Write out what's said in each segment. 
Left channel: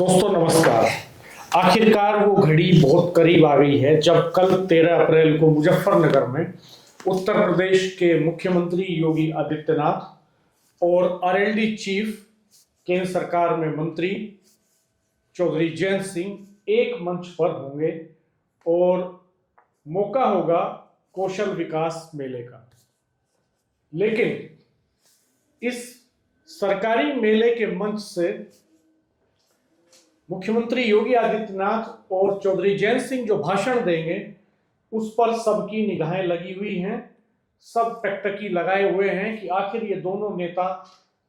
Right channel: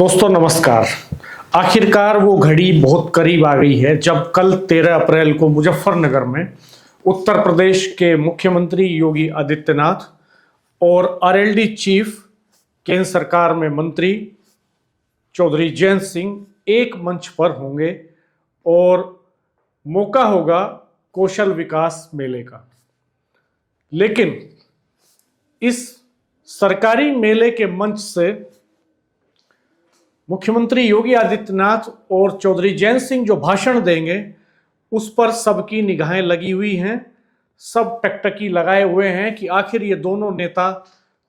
दोस्तों नमस्कार। आखिरकार वो घड़ी बहुत करीब आ गई है जब कल 13 अप्रैल को मुजफ्फरनगर में उत्तर प्रदेश के मुख्यमंत्री योगी आदित्यनाथ और आरएलडी चीफ केंद्र सरकार में मंत्री चौधरी जयंत सिंह एक मंच पर होंगे और मौका होगा कौशल विकास मेले का। लेकिन इस सरकारी मेले के मंच से मुख्यमंत्री योगी आदित्यनाथ और चौधरी जयंत सिंह जो भाषण देंगे उस पर सबकी निगाहें लगी हुई हैं। सब टकटकी लगाए हुए हैं कि आखिर ये दोनों नेता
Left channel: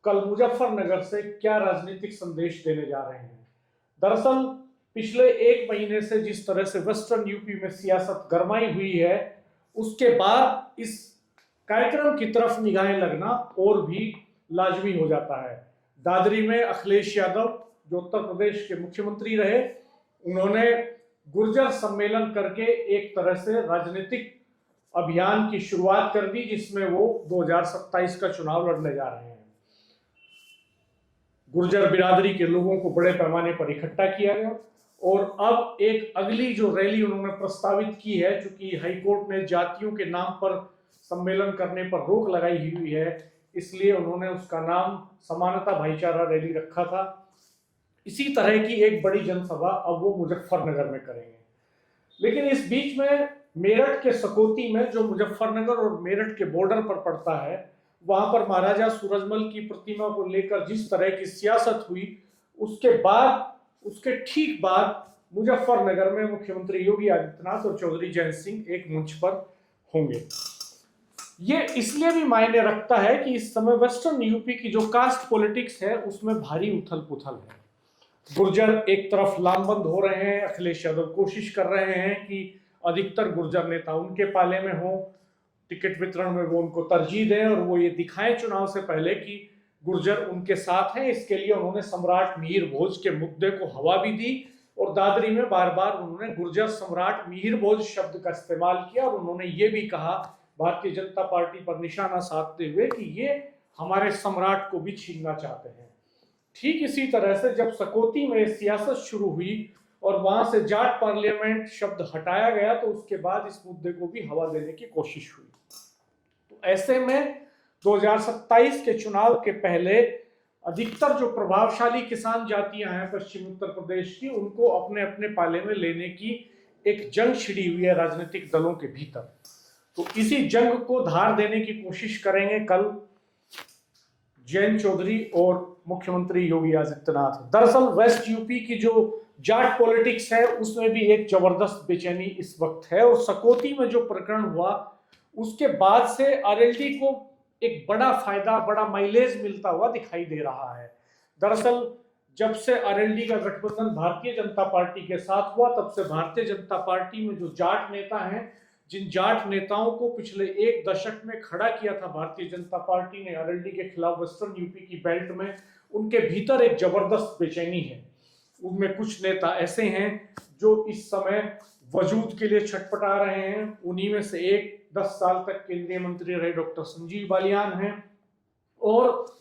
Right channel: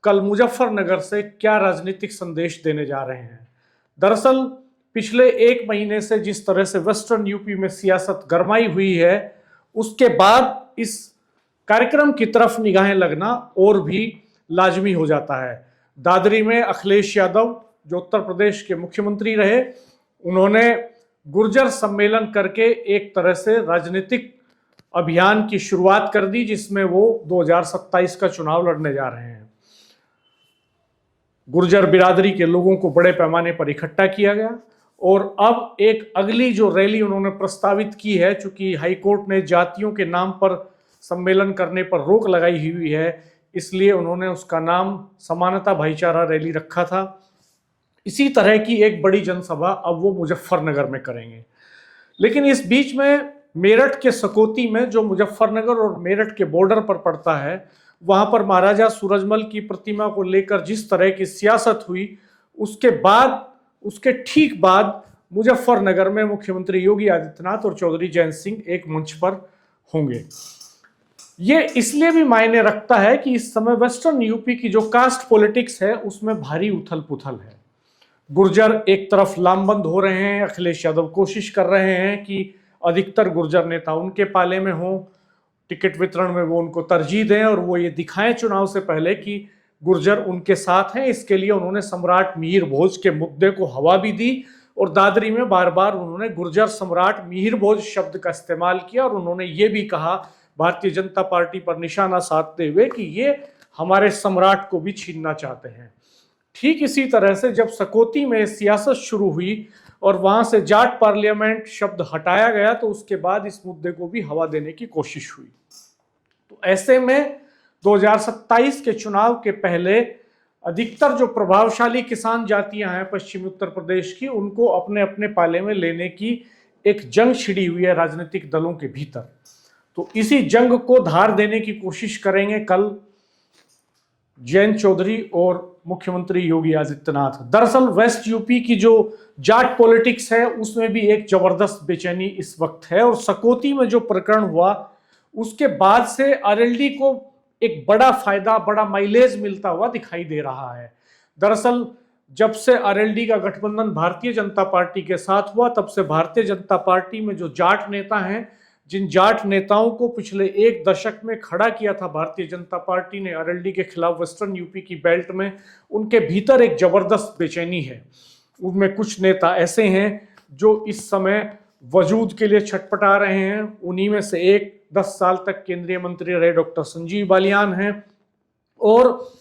कल मुजफ्फरनगर से क्या राजनीतिक संदेश देने जा रहे हैं। दरअसल पिछले एक महीने से जिस तरह से वेस्टर्न यूपी में सियासत गरमाई हुई है, उसके बाद इस कार्यक्रम की तरफ निगाहें लगना और भी लाजमी हो जाता है। दादरी में अखिलेश यादव जो उत्तर प्रदेश के मुख्यमंत्री रहे, उन्होंने गुर्जर सम्मेलन करके एक तरह से राजनीतिक अभियान की शुरुआत कर दी, जिसमें वो 2027 का चुनाव लड़ने जा रहे हैं। गुर्जर बिरादरी के लोगों को बड़े पैमाने पर इकट्ठा किया गया और अब एक अगली जो रैली उन्होंने प्रस्तावित की है, चूंकि हाईकोर्ट ने जातियों के नाम पर सम्मेलन करने पर रोक लगाई हुई है, इसलिए उन्होंने उसका नाम समानता भाईचारा रैली रखा था। इसी तरह की एक बड़ी जनसभा अब वो मुजफ्फरनगर में करेंगे। लेकिन इस बीच में मेरठ के सकौती में, जो मुजफ्फरनगर और मेरठ के बॉर्डर पर पड़ता है, वहां पर महाराजा सूरजमल की प्रतिमा को लेकर जिस तरह की सियासत हुई, उसके ठीक बाद मुजफ्फरनगर में मुख्यमंत्री योगी आदित्यनाथ और चौधरी जयंत सिंह एक मंच पर होंगे। ये इसलिए भी मायने रखता है कि इस समय वेस्टर्न यूपी की जो कास्ट पॉलिटिक्स है उसमें भारी उथल पुथल है। गुर्जर एक तरफ लामबंद हो रहे हैं, अखिलेश यादव कोशिश कर रहे हैं कि अधिकतर गुर्जर नेता उनके पाले में हों, टिकट वितरण में वो उनको तरजीह दें और वो ये दिखाएं चुनाव से पहले कि गुर्जर उनके साथ हैं। इसके लिए उन्होंने सम्राट मिहिर भोज के मुद्दे को हवा भी दी और दादरी में बार बार उन्होंने गुर्जर सम्राट मिहिर भोज शब्द का इस्तेमाल किया और उन्होंने ये भी कहा भारतीय जनता पार्टी पर निशाना साधते हुए कि ये हमारे सम्राट को भी छीनना चाहते हैं। ठीक इसी तरह से जब सकौती में सियासत शुरू हुई और वहां से जाट पार्लियामेंट शब्द हटाया गया, तो उसके बाद इस मुद्दे को भी हवा देने की कोशिश हुई। तो ऐसे में 2027 के चुनाव के पहले अधिकतर जो प्रभावशाली किसान जातियां हैं पश्चिमी उत्तर प्रदेश की, उनको अपने अपने पाले में लेने की एक जंग छिड़ी हुई है राजनीतिक दलों के भीतर। तो इसी जंग को धार देने की कोशिश करेंगे कल जयंत चौधरी और मुख्यमंत्री योगी आदित्यनाथ। दरअसल वेस्ट यूपी की जो जाट पॉलिटिक्स है उसमें भी एक जबरदस्त बेचैनी इस वक्त है और सकौती में जो प्रकरण हुआ उसके बाद से आरएलडी को एक बड़ा फायदा, बड़ा माइलेज मिलता हुआ दिखाई दे रहा है। दरअसल जब से आरएलडी का गठबंधन भारतीय जनता पार्टी के साथ हुआ, तब से भारतीय जनता पार्टी में जो जाट नेता हैं, जिन जाट नेताओं को पिछले एक दशक में खड़ा किया था भारतीय जनता पार्टी ने आरएलडी के खिलाफ वेस्टर्न यूपी की बेल्ट में, उनके भीतर एक जबरदस्त बेचैनी है। उनमें कुछ नेता ऐसे हैं जो इस समय वजूद के लिए छटपटा रहे हैं। उन्हीं में से एक 10 साल तक केंद्रीय मंत्री रहे डॉक्टर संजीव बालियान हैं और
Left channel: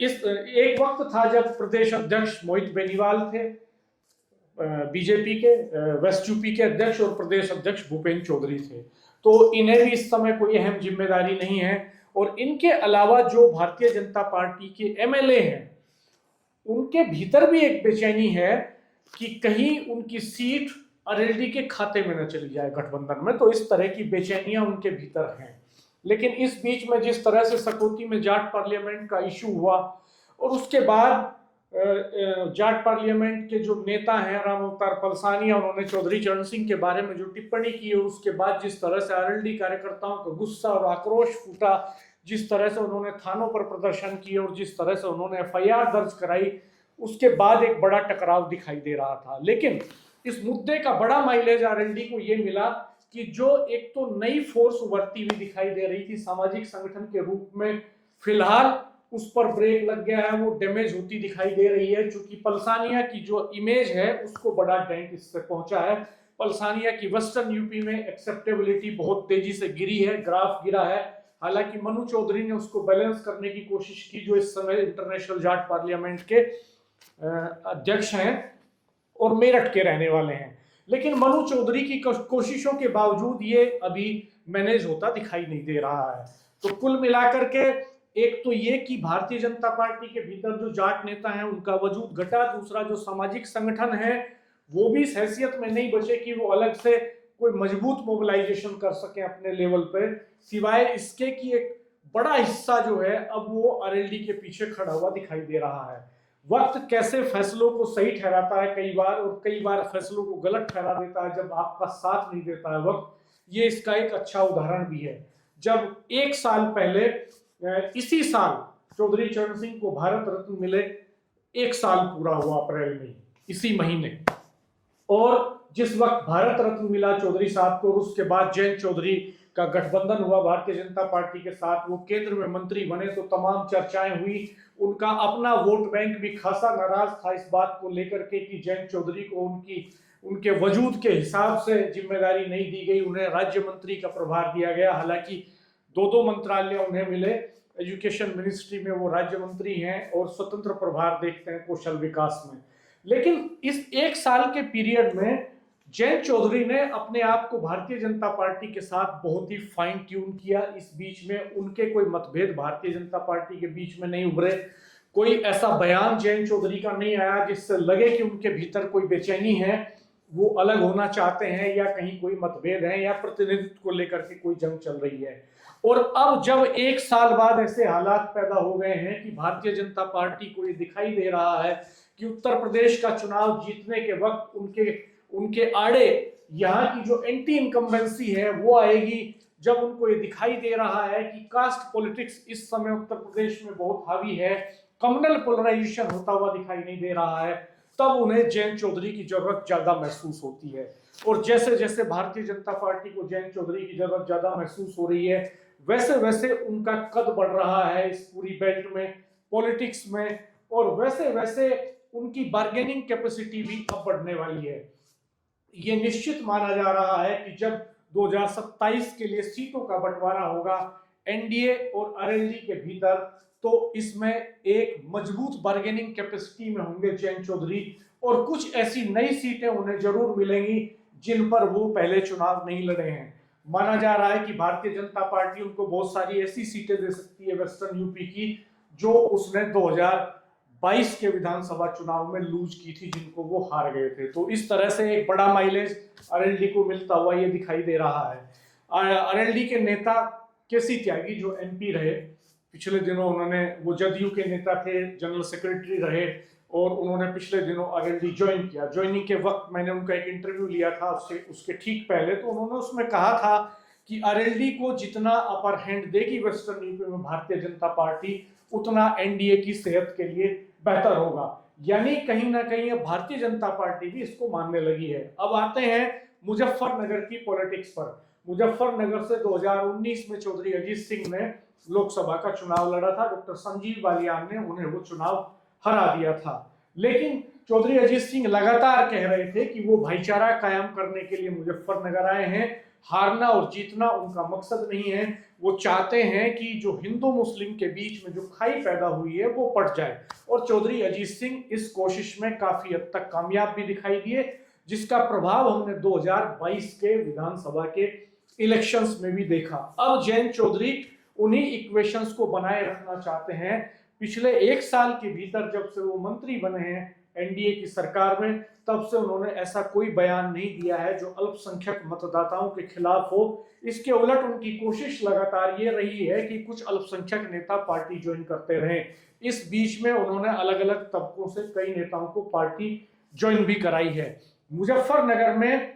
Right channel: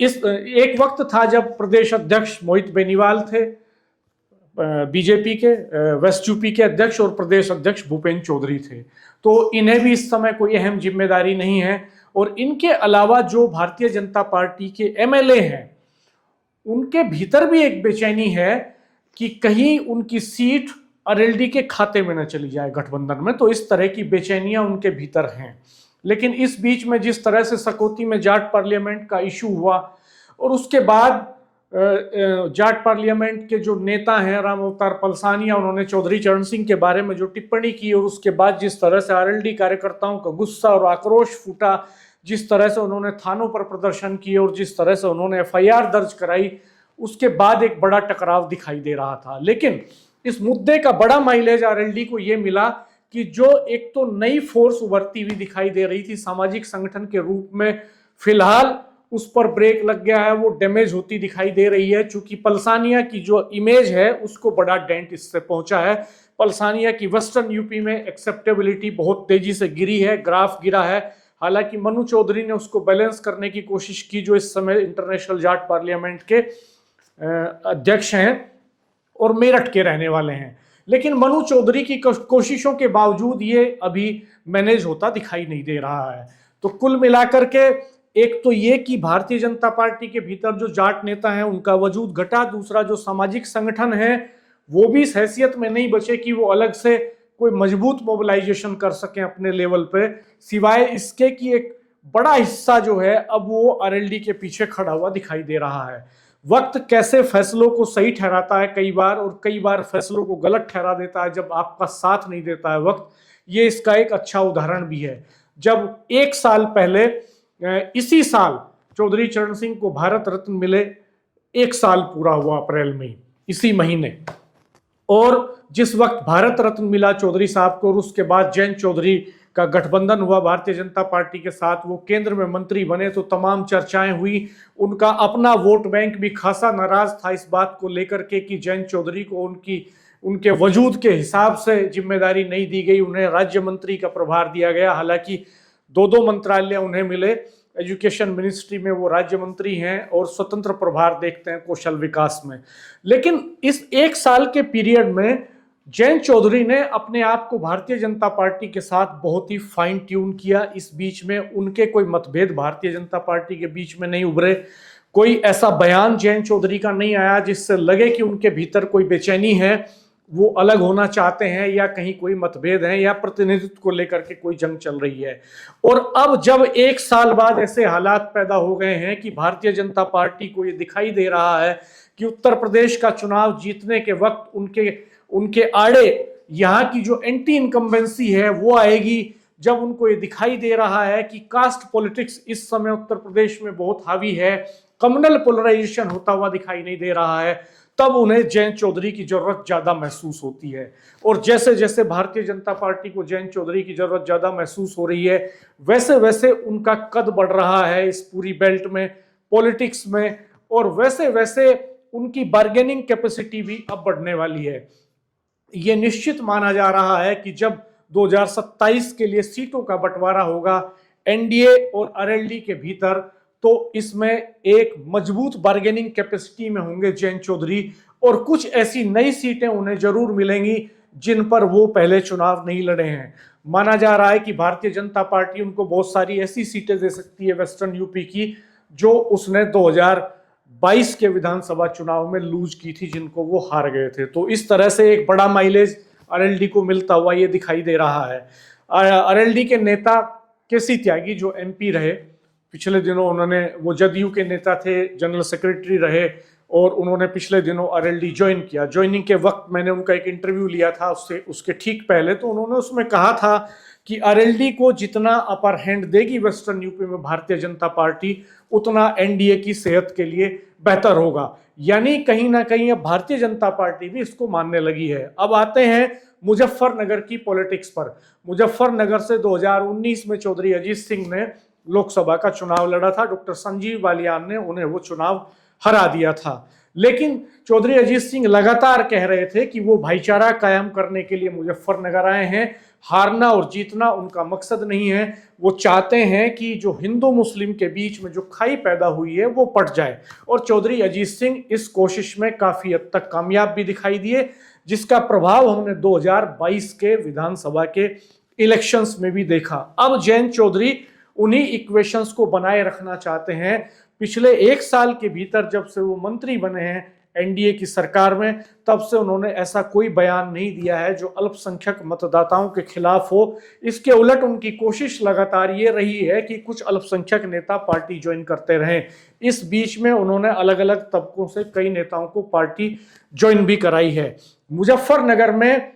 इस एक वक्त था जब प्रदेश अध्यक्ष मोहित बेनीवाल थे बीजेपी के, वेस्ट यूपी के अध्यक्ष, और प्रदेश अध्यक्ष भूपेंद्र चौधरी थे। तो इन्हें भी इस समय कोई अहम जिम्मेदारी नहीं है। और इनके अलावा जो भारतीय जनता पार्टी के एमएलए हैं, उनके भीतर भी एक बेचैनी है कि कहीं उनकी सीट आरएलडी के खाते में न चली जाए गठबंधन में। तो इस तरह की बेचैनियां उनके भीतर हैं। लेकिन इस बीच में जिस तरह से सकौती में जाट पार्लियामेंट का इशू हुआ और उसके बाद जाट पार्लियामेंट के जो नेता हैं राम अवतार पलसानिया, उन्होंने चौधरी चरण सिंह के बारे में जो टिप्पणी की और उसके बाद जिस तरह से आरएलडी कार्यकर्ताओं का गुस्सा और आक्रोश फूटा, जिस तरह से उन्होंने थानों पर प्रदर्शन किए और जिस तरह से उन्होंने एफआईआर दर्ज कराई, उसके बाद एक बड़ा टकराव दिखाई दे रहा था। लेकिन इस मुद्दे का बड़ा माइलेज आरएलडी को यह मिला कि जो एक तो नई फोर्स उभरती हुई दिखाई दे रही थी सामाजिक संगठन के रूप में, फिलहाल उस पर ब्रेक लग गया है, वो डैमेज होती दिखाई दे रही है। चूंकि पलसानिया की जो इमेज है उसको बड़ा डेंट इससे पहुंचा है। पलसानिया की वेस्टर्न यूपी में एक्सेप्टेबिलिटी बहुत तेजी से गिरी है, ग्राफ गिरा है। हालांकि मनु चौधरी ने उसको बैलेंस करने की कोशिश की, जो इस समय इंटरनेशनल जाट पार्लियामेंट के अध्यक्ष हैं और मेरठ के रहने वाले हैं। लेकिन मनु चौधरी की कोशिशों के बावजूद ये अभी मैनेज होता दिखाई नहीं दे रहा है। तो कुल मिलाकर के एक तो ये कि भारतीय जनता पार्टी के भीतर जो जाट नेता हैं उनका वजूद घटा, दूसरा जो सामाजिक संगठन है वो भी इस हैसियत में नहीं बचे कि वो अलग से कोई मजबूत मोबिलाइजेशन कर सकें अपने लेवल पे, सिवाय इसके कि एक बड़ा हिस्सा जो है अब वो आरएलडी के पीछे खड़ा हुआ दिखाई दे रहा है। वक्त कैसे फैसलों को सही ठहराता है कई बार, और कई बार फैसलों को गलत ठहरा देता है जब आपका साथ नहीं देता है वक्त। ये इसका एक अच्छा उदाहरण भी है। जब एक साल पहले इसी साल चौधरी चरण सिंह को भारत रत्न मिले, एक साल पूरा हुआ अप्रैल में इसी महीने, और जिस वक्त भारत रत्न मिला चौधरी साहब को और उसके बाद जयंत चौधरी का गठबंधन हुआ भारतीय जनता पार्टी के साथ, वो केंद्र में मंत्री बने तो तमाम चर्चाएं हुई। उनका अपना वोट बैंक भी खासा नाराज था इस बात को लेकर के कि जयंत चौधरी को उनके वजूद के हिसाब से जिम्मेदारी नहीं दी गई, उन्हें राज्य मंत्री का प्रभार दिया गया। हालांकि दो मंत्रालय उन्हें मिले, एजुकेशन मिनिस्ट्री में वो राज्य मंत्री हैं और स्वतंत्र प्रभार देखते हैं कौशल विकास में। लेकिन इस एक साल के पीरियड में जयंत चौधरी ने अपने आप को भारतीय जनता पार्टी के साथ बहुत ही फाइन ट्यून किया। इस बीच में उनके कोई मतभेद भारतीय जनता पार्टी के बीच में नहीं उभरे, कोई ऐसा बयान जयंत चौधरी का नहीं आया जिससे लगे कि उनके भीतर कोई बेचैनी है, वो अलग होना चाहते हैं या कहीं कोई मतभेद है या प्रतिनिधित्व को लेकर के कोई जंग चल रही है। और अब जब एक साल बाद ऐसे हालात पैदा हो गए हैं कि भारतीय जनता पार्टी को ये दिखाई दे रहा है कि उत्तर प्रदेश का चुनाव जीतने के वक्त उनके आड़े यहाँ की जो एंटी इनकम्बेंसी है वो आएगी, जब उनको ये दिखाई दे रहा है कि कास्ट पॉलिटिक्स इस समय उत्तर प्रदेश में बहुत हावी है, कम्युनल पोलराइजेशन होता हुआ दिखाई नहीं दे रहा है, तब उन्हें जयंत चौधरी की जरूरत ज्यादा महसूस होती है। और जैसे जैसे भारतीय जनता पार्टी को जयंत चौधरी की जरूरत ज्यादा महसूस हो रही है, वैसे वैसे उनका कद बढ़ रहा है इस पूरी बेल्ट में, पॉलिटिक्स में, और वैसे वैसे उनकी बार्गेनिंग कैपेसिटी भी अब बढ़ने वाली है। ये निश्चित माना जा रहा है कि जब 2027 के लिए सीटों का बंटवारा होगा एनडीए और आरएलडी के भीतर, तो इसमें एक मजबूत बार्गेनिंग कैपेसिटी में होंगे जयंत चौधरी, और कुछ ऐसी नई सीटें उन्हें जरूर मिलेंगी जिन पर वो पहले चुनाव नहीं लड़े हैं। माना जा रहा है कि भारतीय जनता पार्टी उनको बहुत सारी ऐसी सीटें दे सकती है वेस्टर्न यूपी की जो उसने 2022 के विधानसभा चुनाव में लूज की थी, जिनको वो हार गए थे। तो इस तरह से एक बड़ा माइलेज आरएलडी को मिलता हुआ ये दिखाई दे रहा है। आरएलडी के नेता केसी त्यागी जो एमपी रहे पिछले दिनों, उन्होंने वो जदयू के नेता थे, जनरल सेक्रेटरी रहे, और उन्होंने पिछले दिनों आरएलडी ज्वाइन किया। ज्वाइनिंग के वक्त मैंने उनका एक इंटरव्यू लिया था उसके ठीक पहले, तो उन्होंने उसमें कहा था कि आरएलडी को जितना अपर हैंड देगी वेस्टर्न यूपी में भारतीय जनता पार्टी, उतना एनडीए की सेहत के लिए बेहतर होगा। यानी कहीं ना कहीं अब भारतीय जनता पार्टी भी इसको मानने लगी है। अब आते हैं मुजफ्फरनगर की पॉलिटिक्स पर। मुजफ्फरनगर से 2019 में चौधरी अजीत सिंह ने लोकसभा का चुनाव लड़ा था, डॉक्टर संजीव बालियान ने उन्हें वो चुनाव हरा दिया था। लेकिन चौधरी अजीत सिंह लगातार कह रहे थे कि वो भाईचारा कायम करने के लिए मुजफ्फरनगर आए हैं, हारना और जीतना उनका मकसद नहीं है। वो चाहते हैं कि जो हिंदू मुस्लिम के बीच में जो खाई पैदा हुई है वो पट जाए, और चौधरी अजीत सिंह इस कोशिश में काफी हद तक कामयाब भी दिखाई दिए, जिसका प्रभाव हमने 2022 के विधानसभा के इलेक्शंस में भी देखा। अब जयंत चौधरी उन्हीं इक्वेशंस को बनाए रखना चाहते हैं। पिछले एक साल के भीतर जब से वो मंत्री बने हैं एनडीए की सरकार में, तब से उन्होंने ऐसा कोई बयान नहीं दिया है जो अल्पसंख्यक मतदाताओं के खिलाफ हो। इसके उलट उनकी कोशिश लगातार ये रही है कि कुछ अल्पसंख्यक नेता पार्टी ज्वाइन करते रहें। इस बीच में उन्होंने अलग अलग तबकों से कई नेताओं को पार्टी ज्वाइन भी कराई है। मुजफ्फरनगर में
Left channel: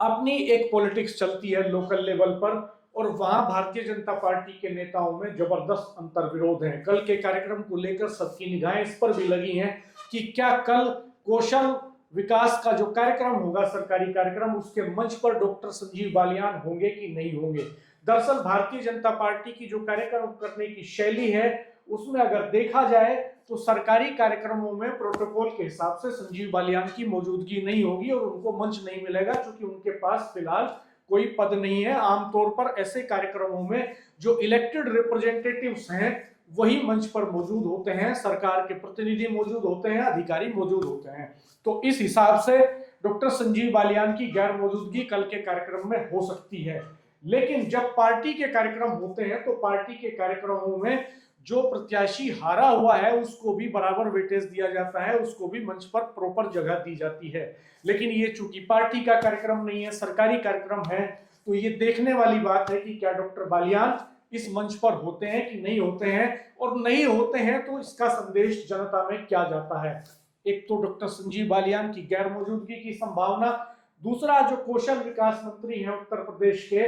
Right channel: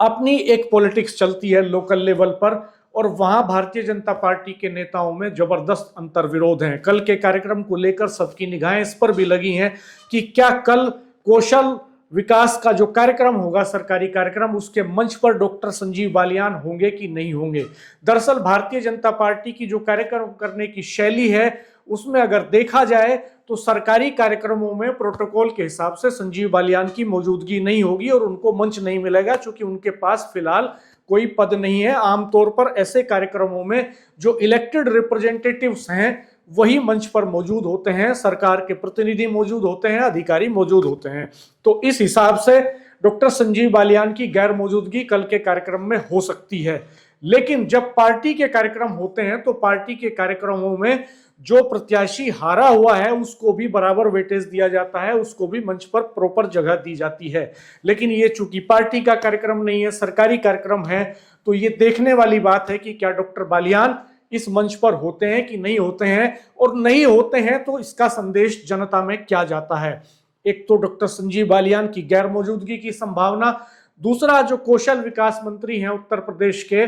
अपनी एक पॉलिटिक्स चलती है लोकल लेवल पर, और वहां भारतीय जनता पार्टी के नेताओं में जबरदस्त अंतर विरोध हैं। कल के कार्यक्रम को लेकर सबकी निगाहें इस पर भी लगी हैं कि क्या कल कौशल विकास का जो कार्यक्रम होगा, सरकारी कार्यक्रम, उसके मंच पर डॉक्टर संजीव बालियान होंगे कि नहीं होंगे। दरअसल भारतीय जनता पार्टी की जो कार्यक्रम करने की शैली है उसमें अगर देखा जाए तो सरकारी कार्यक्रमों में प्रोटोकॉल के हिसाब से संजीव बालियान की मौजूदगी नहीं होगी और उनको मंच नहीं मिलेगा, क्योंकि उनके पास फिलहाल कोई पद नहीं है। आमतौर पर ऐसे कार्यक्रमों में जो इलेक्टेड रिप्रेजेंटेटिव्स हैं वही मंच पर मौजूद होते हैं, सरकार के प्रतिनिधि मौजूद होते हैं, अधिकारी मौजूद होते हैं। तो इस हिसाब से डॉक्टर संजीव बालियान की गैर मौजूदगी कल के कार्यक्रम में हो सकती है। लेकिन जब पार्टी के कार्यक्रम होते हैं तो पार्टी के कार्यक्रमों में जो प्रत्याशी हारा हुआ है उसको भी बराबर वेटेज दिया जाता है, उसको भी मंच पर प्रॉपर जगह दी जाती है। लेकिन ये चूंकि पार्टी का कार्यक्रम नहीं है, सरकारी कार्यक्रम है, तो ये देखने वाली बात है कि क्या डॉक्टर बालियान इस मंच पर होते हैं कि नहीं होते हैं, और नहीं होते हैं तो इसका संदेश जनता में क्या जाता है। एक तो डॉक्टर संजीव बालियान की गैर मौजूदगी की संभावना, दूसरा जो कौशल विकास मंत्री हैं उत्तर प्रदेश के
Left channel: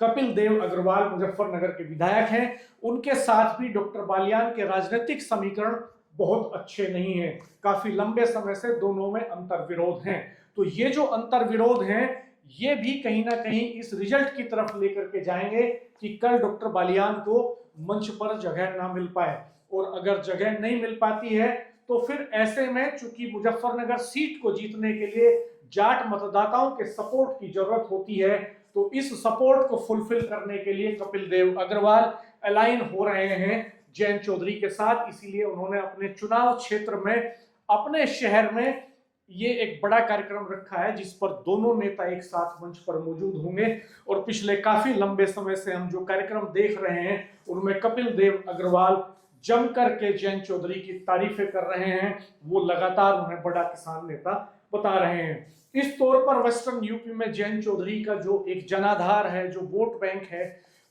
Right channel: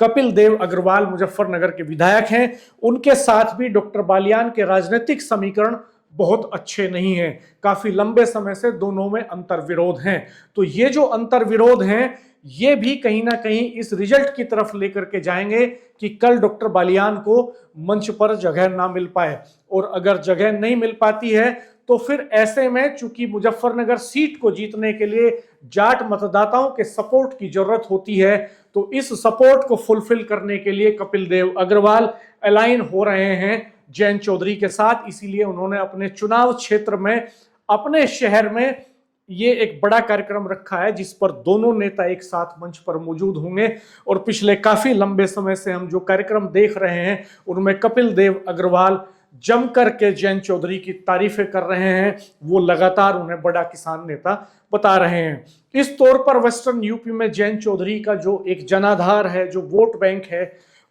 कपिल देव अग्रवाल, मुजफ्फरनगर के विधायक हैं, उनके साथ भी डॉक्टर बालियान के राजनीतिक समीकरण बहुत अच्छे नहीं हैं। काफी लंबे समय से दोनों में अंतर्विरोध हैं। तो ये जो अंतर्विरोध हैं ये भी कहीं ना कहीं इस रिजल्ट की तरफ लेकर के जाएंगे कि कल डॉक्टर बालियान को मंच पर जगह ना मिल पाए। और अगर जगह नहीं मिल पाती है तो फिर ऐसे में चूंकि मुजफ्फरनगर सीट को जीतने के लिए जाट मतदाताओं के सपोर्ट की जरूरत होती है, तो इस सपोर्ट को फुलफिल करने के लिए कपिल देव अग्रवाल अलाइन हो रहे हैं जयंत चौधरी के साथ। इसीलिए उन्होंने अपने चुनाव क्षेत्र में, अपने शहर में ये एक बड़ा कार्यक्रम रखा है जिस पर दोनों नेता एक साथ मंच पर मौजूद होंगे। और पिछले काफी लंबे समय से हम जो कार्यक्रम देख रहे हैं उनमें कपिल देव अग्रवाल जमकर के जयंत चौधरी की तारीफें कर रहे हैं, वो लगातार उन्हें बड़ा किसान नेता बता रहे हैं। इस तौर पर वेस्टर्न यूपी में जयंत चौधरी का जो एक जनाधार है, जो वोट बैंक है,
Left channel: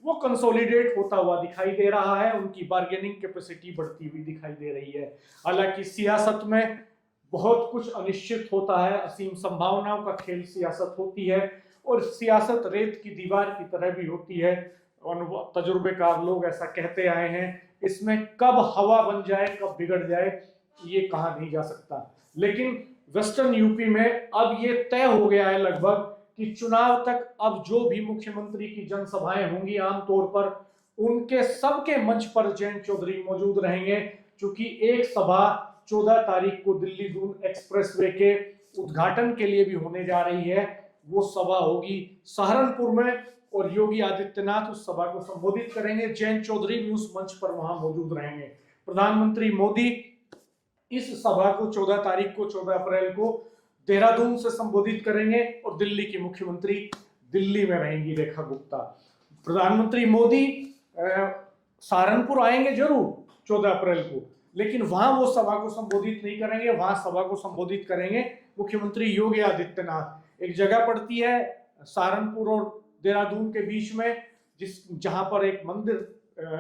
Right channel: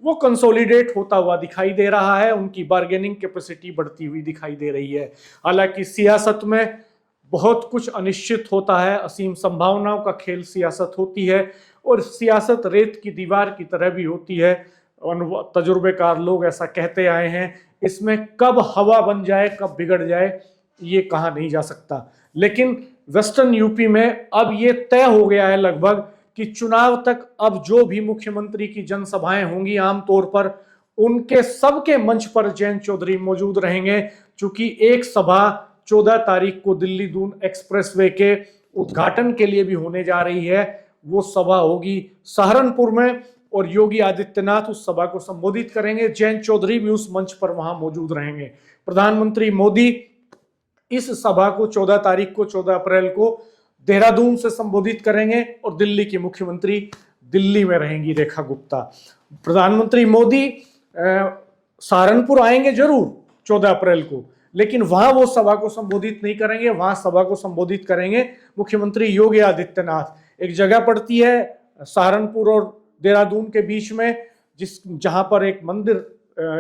वो कंसोलिडेट होता हुआ दिखाई दे रहा है। उनकी बार्गेनिंग कैपेसिटी बढ़ती हुई दिखाई दे रही है। हालांकि सियासत में बहुत कुछ अनिश्चित होता है, असीम संभावनाओं का खेल सियासत होती है, और सियासत रेत की दीवार की तरह भी होती है। तजुर्बेकार लोग ऐसा कहते आए हैं, इसमें कब हवा बन जाए, कब बिगड़ जाए, ये कहा नहीं जा सकता। लेकिन वेस्टर्न यूपी में अब ये तय हो गया है लगभग कि चुनाव तक अब जो भी मुख्यमंत्री की जनसभाएं होंगी आमतौर पर उनके सबके मंच पर जयंत चौधरी मौजूद रहेंगे। चूंकि एक सभा 14 तारीख को दिल्ली दून एक्सप्रेसवे के उद्घाटन के लिए भी होने जा रही है, वो सभा होगी सहारनपुर में, और योगी आदित्यनाथ उस सभा को संबोधित करेंगे। जयंत चौधरी भी उस मंच पर वहां मौजूद रहेंगे। प्रधानमंत्री मोदी इस सभा को 14 तारीख को, 14 अप्रैल को देहरादून से संबोधित करेंगे, और दिल्ली की मुख्यमंत्री दिल्ली में रहेंगी रेखा गुप्ता। प्रधानमंत्री मोदी सहारनपुर आएंगे जरूर 14 अप्रैल को, लेकिन वहां वो सभा को संबोधित नहीं करेंगे। वहां सभा को संबोधित करेंगे मुख्यमंत्री योगी आदित्यनाथ। एक जगह पड़ती है सहारनपुर और देहरादून के बीच में, जहां पर एक मंदिर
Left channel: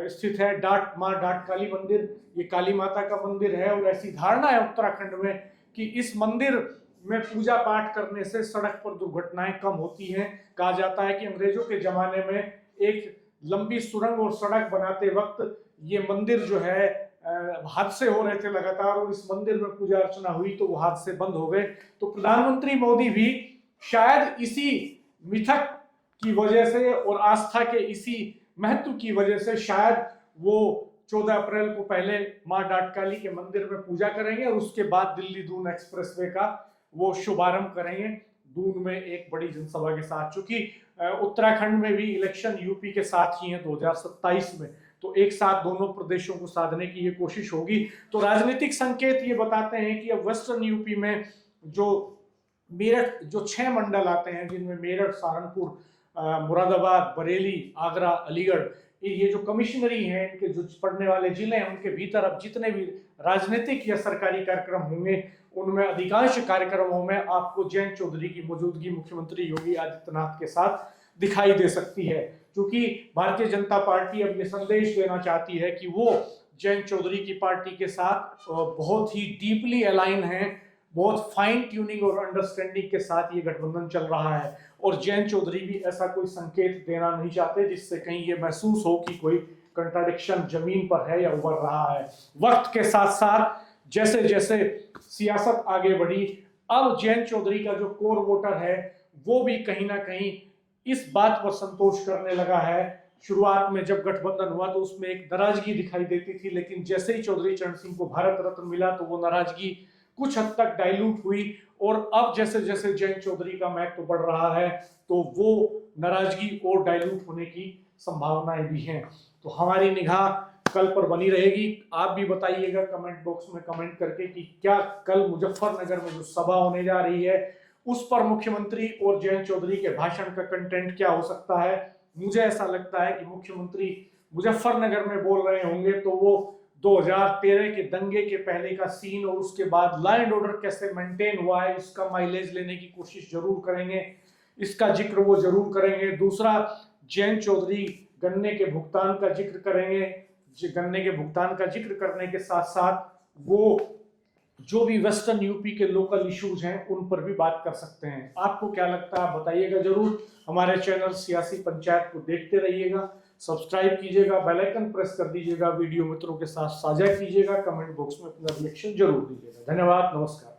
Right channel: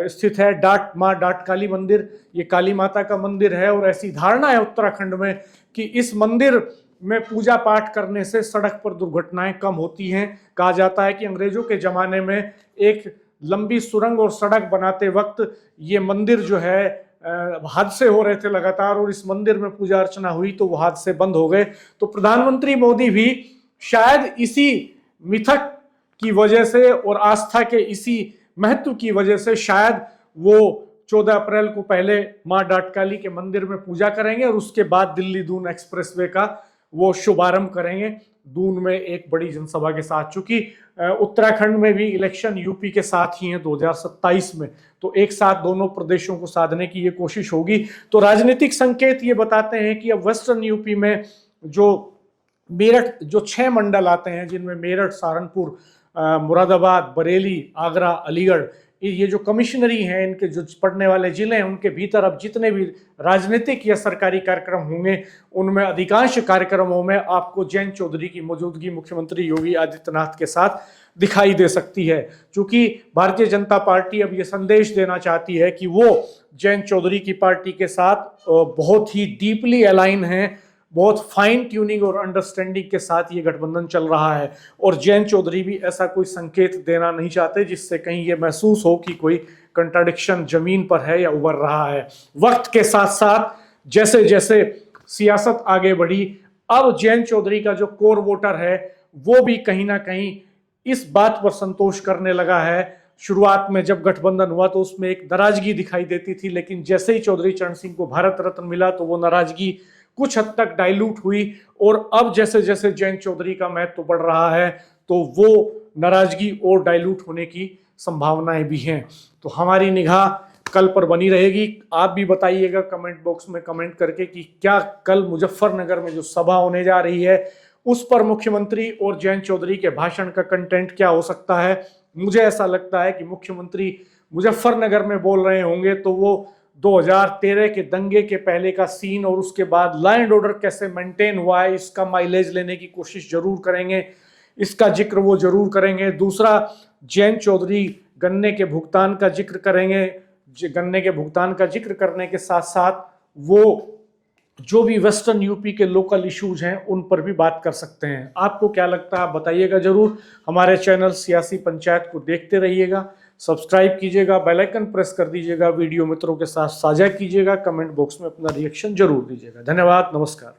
स्थित है, माँ डाट काली मंदिर। ये काली माता का मंदिर है, और ऐसी धारणा है उत्तराखंड में कि इस मंदिर में पूजा पाठ करने से सड़क पर दुर्घटनाएं कम होती हैं। कहा जाता है कि अंग्रेजों के जमाने में एक लंबी सुरंग और सड़क बनाते वक्त ये मंदिर जो है हादसे हो रहे थे लगातार, और इस मंदिर में पूजा अर्चना हुई तो वो हादसे बंद हो गए। तो प्रधानमंत्री मोदी भी शायद इसी मिथक की वजह से और आस्था के इसी महत्व की वजह से शायद वो 14 अप्रैल को पहले मां डाटकाली के मंदिर में पूजा करेंगे, और उसके बाद दिल्ली दून एक्सप्रेसवे का वो शुभारंभ करेंगे दून में एक बड़ी जनसभा के साथ। चूंकि उत्तराखंड में भी इलेक्शन यूपी के साथ ही है 2027 में, तो एक साथ दोनों प्रदेशों को साधने की ये कोशिश होगी। तो राजनीतिक संकेत ये बताते हैं कि अब वेस्टर्न यूपी में जो मेरठ, जो 6 मंडल आते हैं जिनमें मेरठ, सहारनपुर, मुरादाबाद, बरेली, आगरा, अलीगढ़, ये जो कमिश्नरी हैं, इनके जो पड़ने वाले जिले हैं, उनके भीतर अब जितने भी राजनीतिक या सरकारी कार्यक्रम होंगे उनमें अधिकांश कार्यक्रमों में आपको जयंत चौधरी की मौजूदगी मुख्यमंत्री योगी आदित्यनाथ के साथ दिखाई दे सकती है। क्योंकि भारतीय जनता पार्टी अब ये संदेश देना चाहती है कि वो जयंत चौधरी की पार्टी के साथ बहुत ही डीपली अलाइन है, बहुत फाइन ट्यूनिंग और अंडरस्टैंडिंग के साथ ये गठबंधन चल रहा है। और जयंत चौधरी भी ऐसा कोई संकेत देना नहीं चाहते जिससे कहीं ये महसूस हो कि कोई कंट्राडिक्शन जमीन पर है या उभर रहा है। वक्त के साथ साथ जैसे जैसे सियासत आगे बढ़ी, अब जयंत चौधरी का जो कोर वोटर है वो भी कहीं ना कहीं इस बात पर संतोष करने लगा है। शुरुआत में जब गठबंधन हुआ तो उसमें एक नाराजगी दिखाई देती थी, लेकिन जैसे ही चौधरी चरण सिंह को भारत रत्न मिला तो वो नाराजगी कुछ हद तक डाइल्यूट हुई, और अब जैसे जैसे जयंत चौधरी का महत्व बढ़ रहा है तो वो नाराजगी और डाइल्यूट होने की संभावनाएं भी हैं। तो हमारी निगाह कल पर बनी रहेगी। आप भी बताइएगा कमेंट बॉक्स में कमेंट करके कि क्या कल मुजफ्फरनगर में जो सभा होने जा रही है उस पर मुख्यमंत्री और जयंत चौधरी के भाषण का कंटेंट क्या हो सकता है। मुझे ऐसा लगता है कि मुख्यमंत्री मुजफ्फरनगर में बोल रहे होंगे तो वो 2013 के दंगे के पहले का सीन और उसके बाद लॉ एंड ऑर्डर कैसे मेंटेन हुआ है इसका माइलेज लेने की कोशिश जरूर करेंगे, इसका जिक्र वो जरूर करेंगे। दूसरा, जयंत चौधरी गन्ने के भुगतान का जिक्र करेंगे। गन्ने के भुगतान का जिक्र करने के साथ साथ वो जो भी वेस्टर्न यूपी के लोकल इश्यूज हैं उन पर भी बात कर सकते हैं। आपको क्या लगता है बताइएगा जरूर। हमारे चैनल सियासी पंचायत को देखते रहिएगा, सब्सक्राइब कीजिएगा, बेल आइकन प्रेस कर दीजिएगा, वीडियो मित्रों के साथ साझा कीजिएगा, कमेंट बॉक्स में अपना रिएक्शन जरूर दीजिएगा। धन्यवाद, नमस्कार।